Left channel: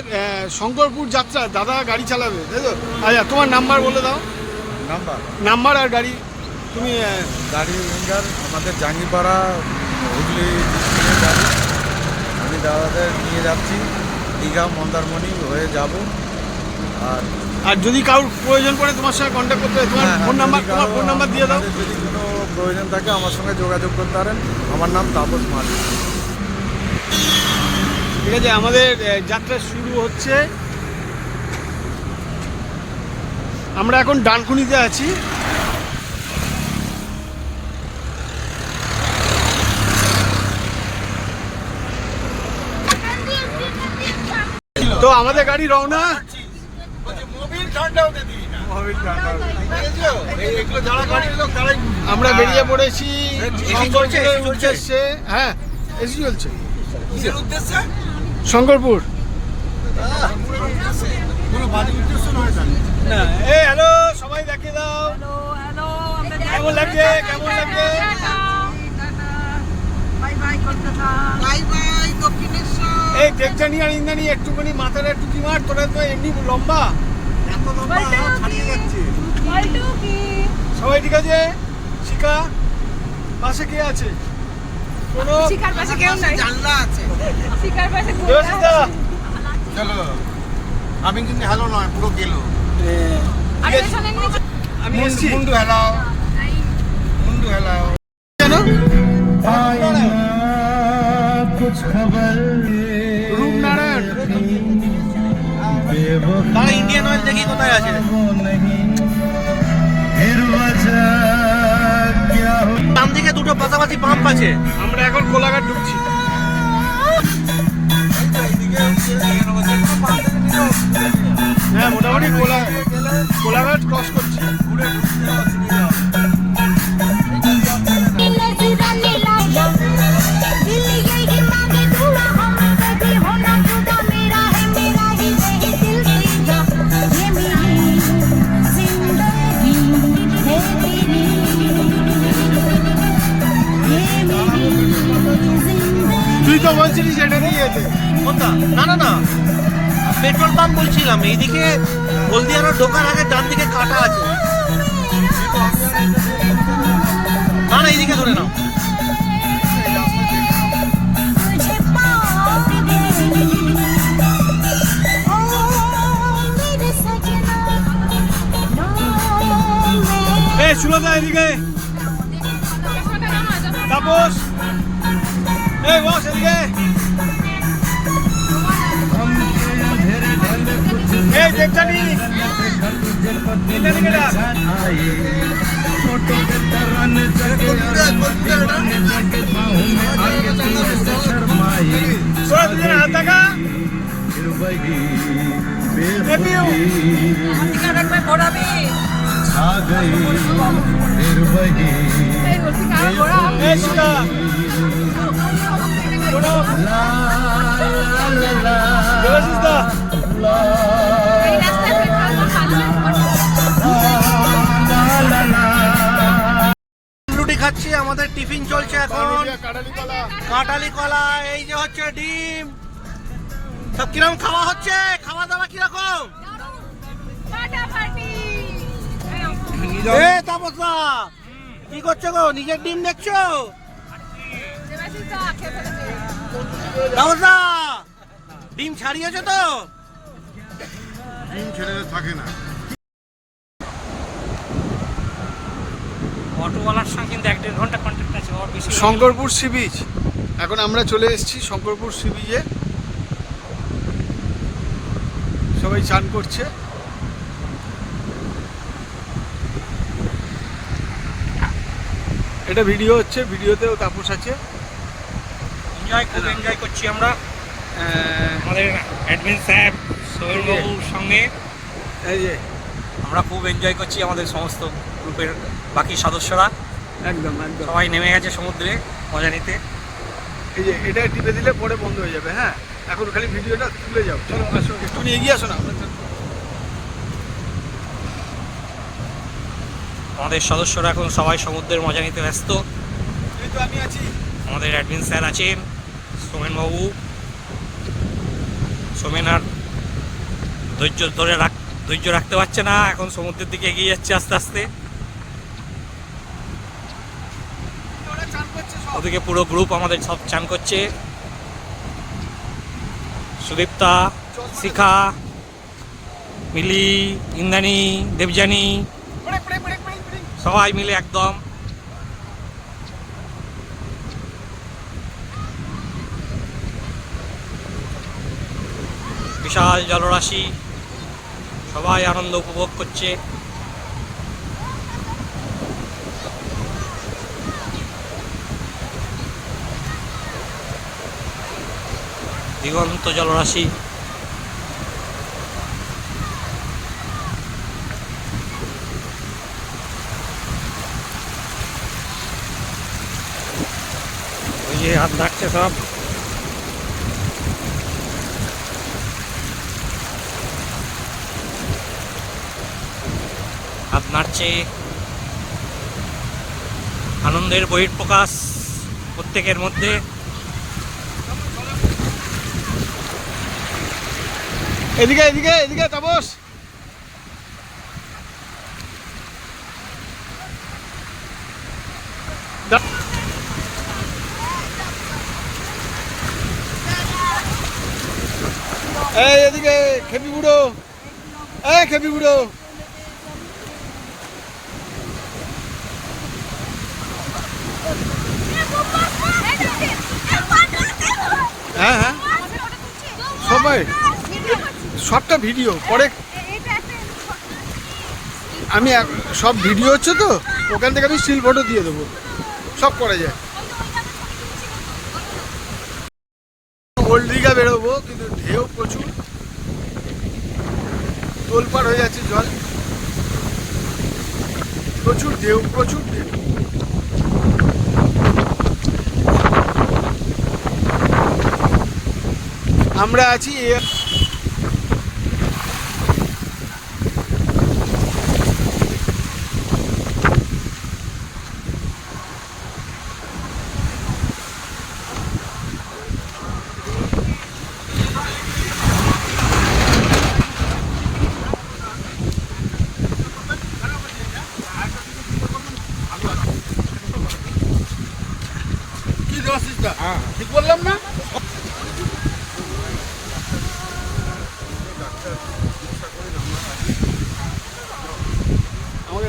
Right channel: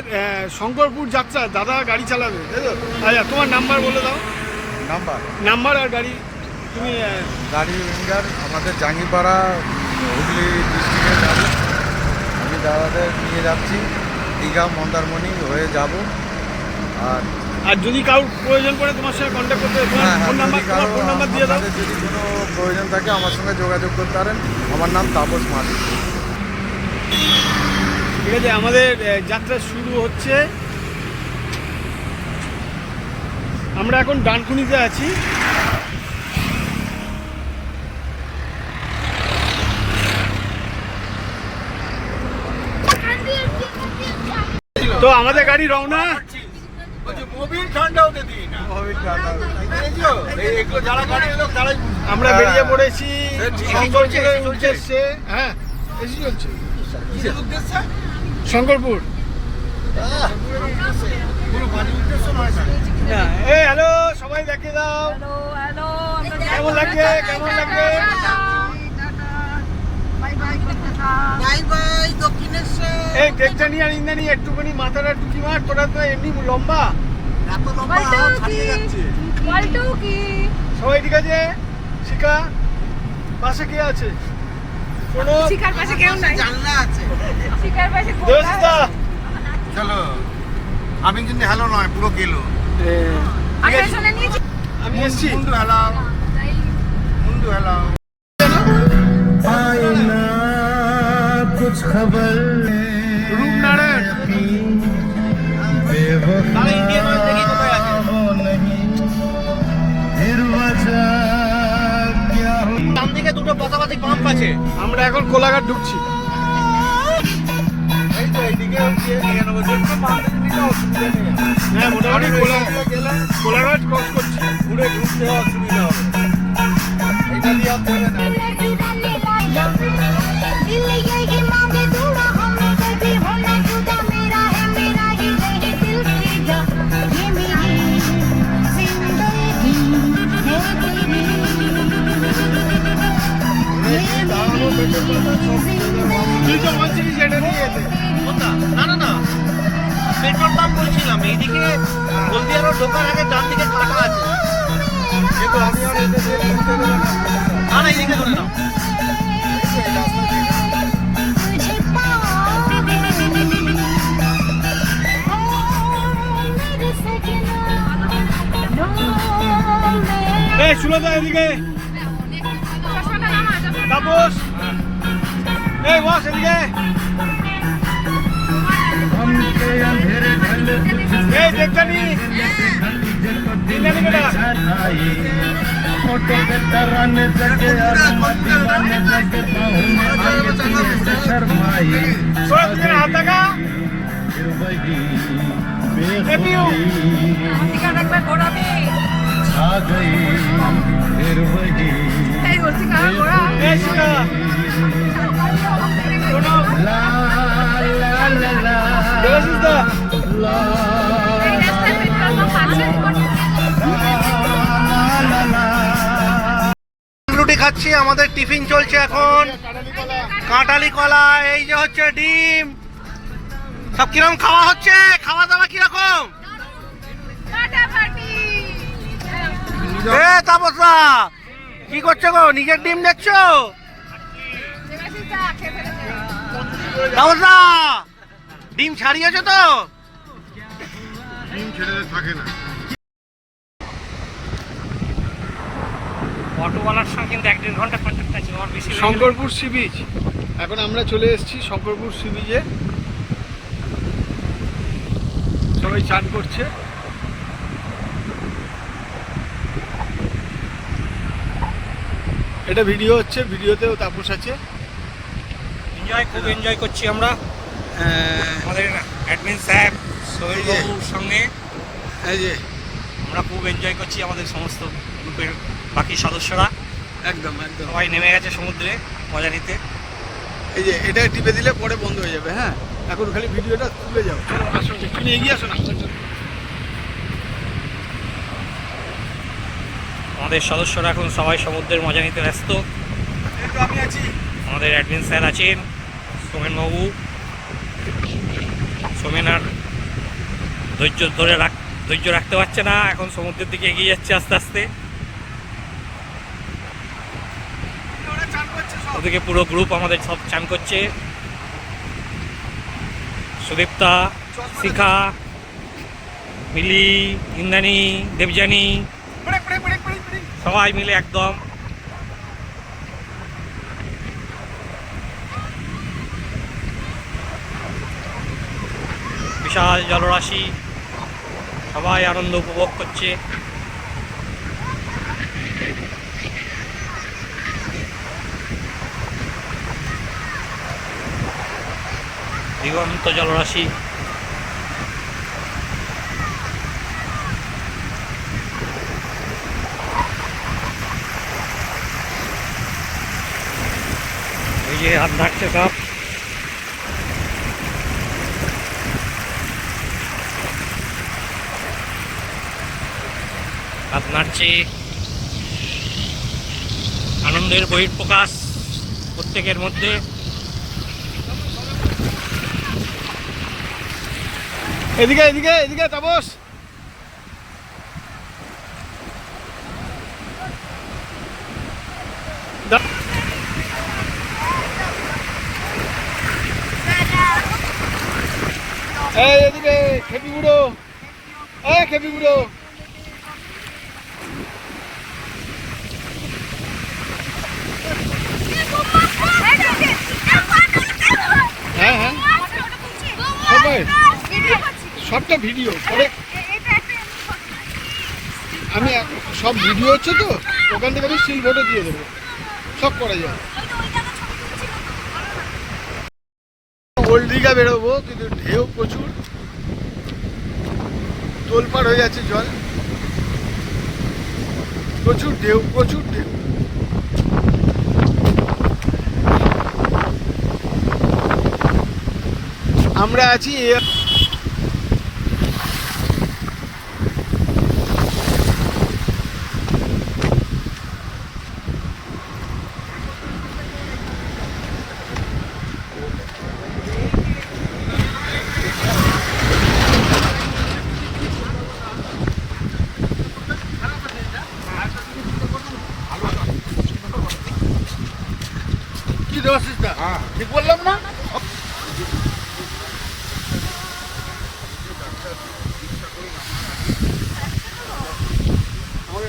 আমাদের শঙ্করপুর যাত্রা দাদা গাড়ি চালাবে, তাই তো? আচ্ছা, তোমার নাম্বার বলে দাও। নাম্বার আর গাড়ি। তুমি গাড়ি উইঙ্গার, আমাদের জাঙ্গিপাড়া হুগলি ডিস্ট্রিক্টের গাড়ি। আমি দাদাদের নিয়ে যাচ্ছি দীঘা মন্দারমণি হয়ে যাব। আর আর যদি কারোর প্রয়োজন পড়ে তোমার সঙ্গে কন্ট্যাক্ট করতে, তোমার ফোন নাম্বার দিয়ে দাও। যদি কোনো প্রয়োজন থাকে আমার সঙ্গে যোগাযোগ করতে পারেন। আমার নাম তাপস মাঝি। ঠিক আছে, আমাদের যাত্রা শুরু হচ্ছে। আমরা এখন ডানকুনিতে আছি। তো আমাদের গাড়ি রওনা। আমরা বেরিয়ে পড়েছি শঙ্করপুরের উদ্দেশ্যে। হ্যাঁ, এসে চলছে শঙ্করপুর। না, এই হ্যালো, সবাই দেখে দাও। কেমন লাগছে? কেমন লাগছে? এই দেখজানি আর ইন্দানি একটুখানি মাথাটা টুকি মার। তোরা তো এমনি লম্বা। সবাই ঠিক আছে? শিখা পাশে কে আছে? কোনো শিখার পাশে কেউ নাই, জানলা আছে। শিখার পাশে চলো। আমি কিন্তু হ্যালো নয়, পুরো গেল। আমি এসছি। রূপনারায়ণ তারা ইন্ডিয়ান অয়েল দেখি কোথায় আছে। ডান দিকে দুটো পাশাপাশি পাম্প আছে। আমরা এখন কোলাঘাট ঢুকছি। হ্যাঁ, মোটামুটি কোলাঘাট ক্রস করছি। তুই তো বলছিলিস এটা নিয়ে যেতে। না, পেট্রোল পাম্প বলছিলাম। এইদিকে হলদিয়া রোড ঢোকার আগে ডান দিকে কাটা আছে। না, এইদিকে ধরে নাও। এই সুলতা এদিকে। তাপস এই বস এদিকে। এই দেবজানি ইন্দানি তোরা দুজনে হাত লাগা। রুটি খাচ্ছি, আমাদের টিফিন চলছে এখন। কাঁটালি কলা, এই যে হচ্ছে ডিম। সব কিরকম খাওয়া হচ্ছে? খাওয়া দাওয়া কিরকম? তাপসরা কি করছো গো? নিজের ডিম দেখছো? তাপসরা ডিম ছাড়িয়েছো তো? ডিম ছেড়ে থাকে না। অটোওয়ালার সঙ্গে কিন্তু 1-1.5 ঘন্টা কন্ট্যাক্ট আছে, ওর বেশি। Shankarpur sea beach. এখন আমরা চলে এসেছি শঙ্করপুর সি বিচে। সবাই চান করছে। এটা ভিডিও হচ্ছে, ভিডিওতেও তাপস আছে। খুব এনজয় করছি আমরা আমাদের অ্যাডমিন স্যার সোহেল বাবুর সঙ্গে। এই যে আমরা খুব এনজয় করছি, আমাদের সমস্ত গ্রুপের বাকি সদস্যরা একদম একদম সবাই নেমে গেছে সমুদ্রে মজা নিতে। এই যে এটা টিপে দিলে পরে বন্ধ হয়ে যাবে। হ্যাঁ, এখন খালি ভিডিওটা তুলে যাও। চলো আসো, একটু এগিয়ে আসো না। আমাদের সদস্যরা এখন সবাই সমুদ্রের মজা নিতে ব্যস্ত। এই তো আমি আছি। আমাদের অ্যাডমিন স্যার আছেন, সোমেনবাবু, সোমেন আর ধৈর্য রাখতে পারছে না, এখন সমুদ্রের দিকে এগিয়ে যাচ্ছে আস্তে আস্তে। ওদিকে পুরো গ্রুপ আমাদের সব চান করছে, সুদীপ্তা, শিখা, মিলি, ইন্দ্রাণী, দেবযানী, সবাই মিলে একদম। বিশাল জলরাশি, সবাই আনন্দ উপভোগ করছে। দিগন্ত জলরাশি। ওই যে হাত নাড়ছে সব। হাত নাড়ছে, আনন্দের বহিঃপ্রকাশ প্রত্যেকের মধ্যে। এদিকে এদিকে এদিকে তাপস, এই এদিকে খেপি বুড়ো, এই খেপি বুড়ো। হ্যাঁ হ্যাঁ সবাই সবটা ভিডিও পরে আমি সব ভিডিও হচ্ছে তো, ওখান থেকে আমি স্টিল ফটো দিয়ে দেবো, সব করা যায়। ওল্ড দীঘা বেরোবো, কিন্তু ঢেউ প্রচুর, তোলপাড় হয়ে যাচ্ছে জল, প্রচুর ঢেউ প্রচুর ঢেউ। আমরা আছি কি দেবশিস দা, ঠিক বললাম না? আমাকে